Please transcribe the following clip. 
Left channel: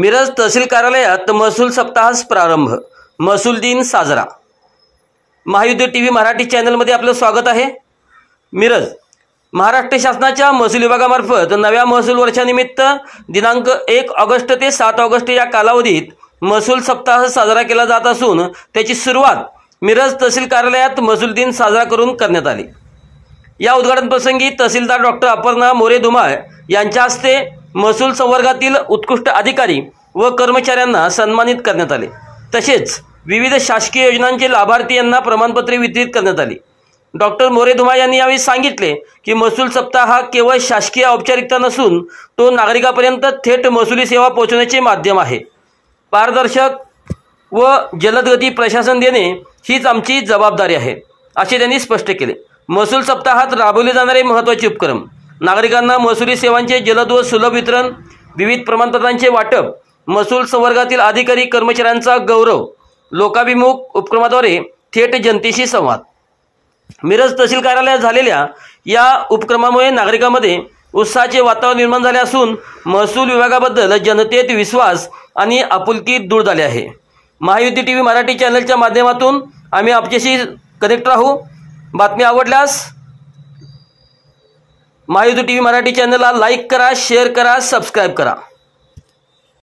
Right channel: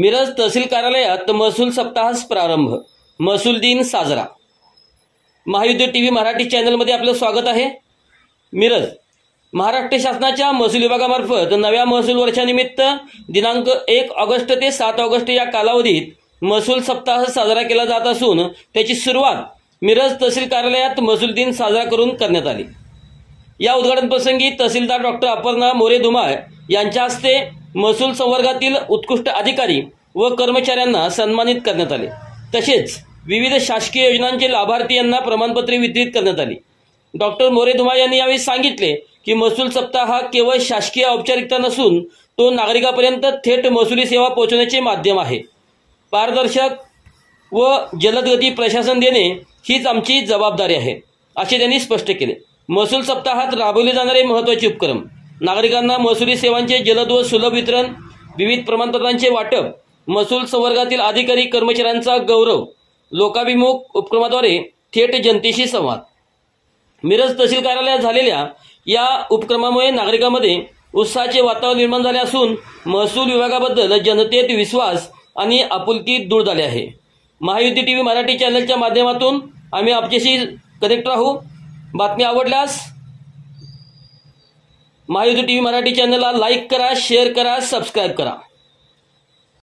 मिरज तहसील कार्यालयात महसूल सप्ताहास प्रारंभ, महसूल दिन साजरा। महायुद्ध टीव्ही मराठी चॅनलमध्ये आपलं स्वागत आहे। मिरज महाराष्ट्र शासनाच्या महसूल विभागामार्फत नव्या महसूल वर्षानिमित्त दिनांक 1 ऑगस्ट ते 7 ऑगस्ट या कालावधीत महसूल सप्ताह साजरा केला जात असून त्याची सुरुवात मिरज तहसील कार्यालयात महसूल दिन साजरा करून करण्यात आली। या उद्घाटन प्रसंगी तहसीलदार डॉक्टर अपर्णा मोरे धुमाळ यांच्या हस्ते महसूल संवर्गातील उत्कृष्ट अधिकारी व कर्मचाऱ्यांना सन्मानित करण्यात आले। तसेच विविध शासकीय योजनांचे लाभार्थी यांना प्रमाणपत्रे वितरित करण्यात आली। डॉक्टर मोरे धुमाळ यांनी यावेळी सांगितले की महसूल सप्ताह हा केवळ शासकीय औपचारिकता नसून तो नागरिकांपर्यंत थेट महसुली सेवा पोहोचवण्याचे माध्यम आहे। पारदर्शक व जलदगती प्रशासन देणे हीच आमची जबाबदारी आहे, असे त्यांनी स्पष्ट केले। महसूल सप्ताहात राबवले जाणारे महत्त्वाचे उपक्रम, नागरिकांना महसुली सेवांचे जलद व सुलभ वितरण, विविध प्रमाणपत्रांचे वाटप, महसूल संवर्गातील अधिकारी कर्मचाऱ्यांचा गौरव, लोकाभिमुख उपक्रमाद्वारे थेट जनतेशी संवाद। मिरज तहसील कार्यालयात झालेल्या या उपक्रमामुळे नागरिकांमध्ये उत्साहाचे वातावरण निर्माण झाले असून महसूल विभागाबद्दल जनतेत विश्वास आणि आपुलकी दूर झाली आहे। महायुद्ध टीव्ही मराठी चॅनलच्या माध्यमातून आम्ही आपल्याशी कनेक्ट राहू। बातमी आवडल्यास महायुद्ध टीव्ही मराठी चॅनलला लाईक करा, शेअर करा, सबस्क्राईब करा।